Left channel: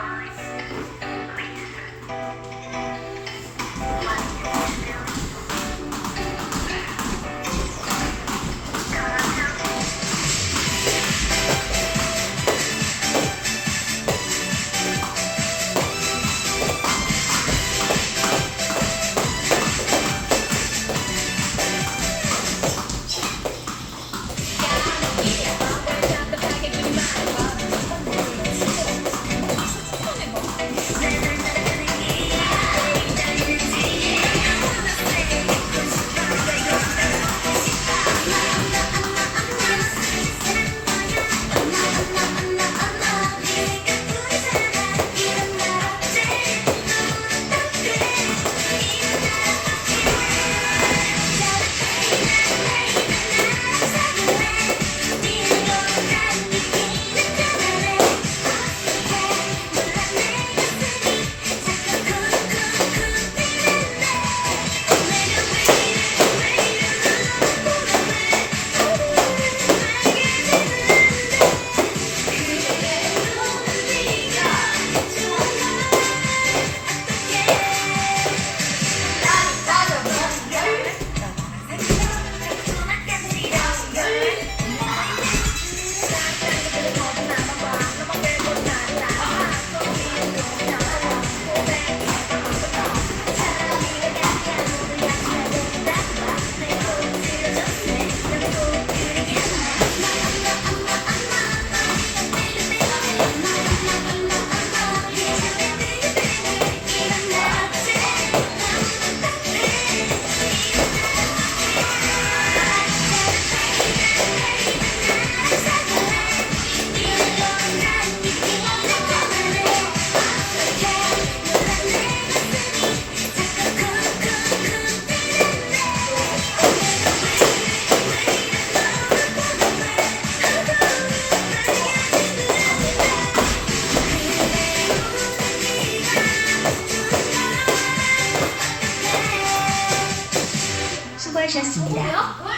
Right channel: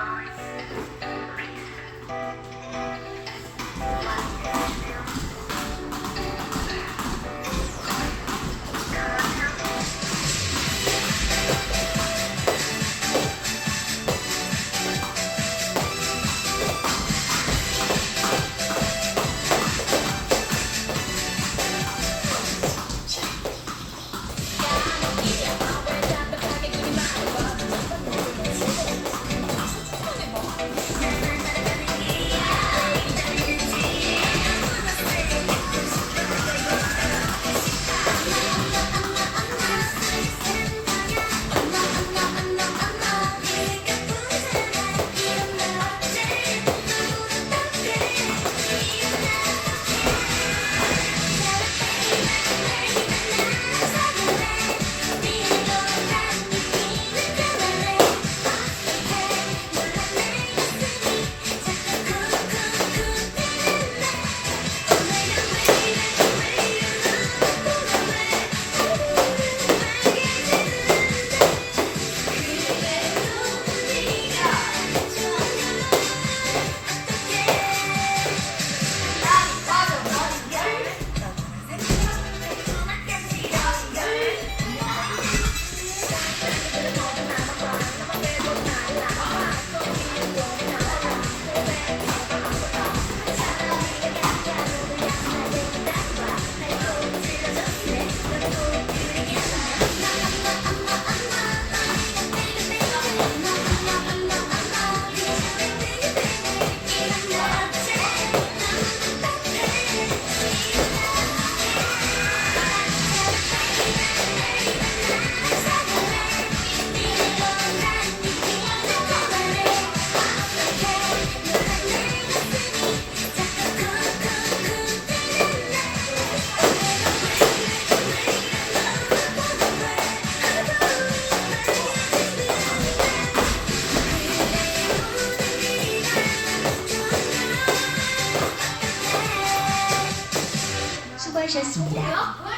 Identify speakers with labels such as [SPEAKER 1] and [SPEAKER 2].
[SPEAKER 1] Bye. 수고하셨습니다.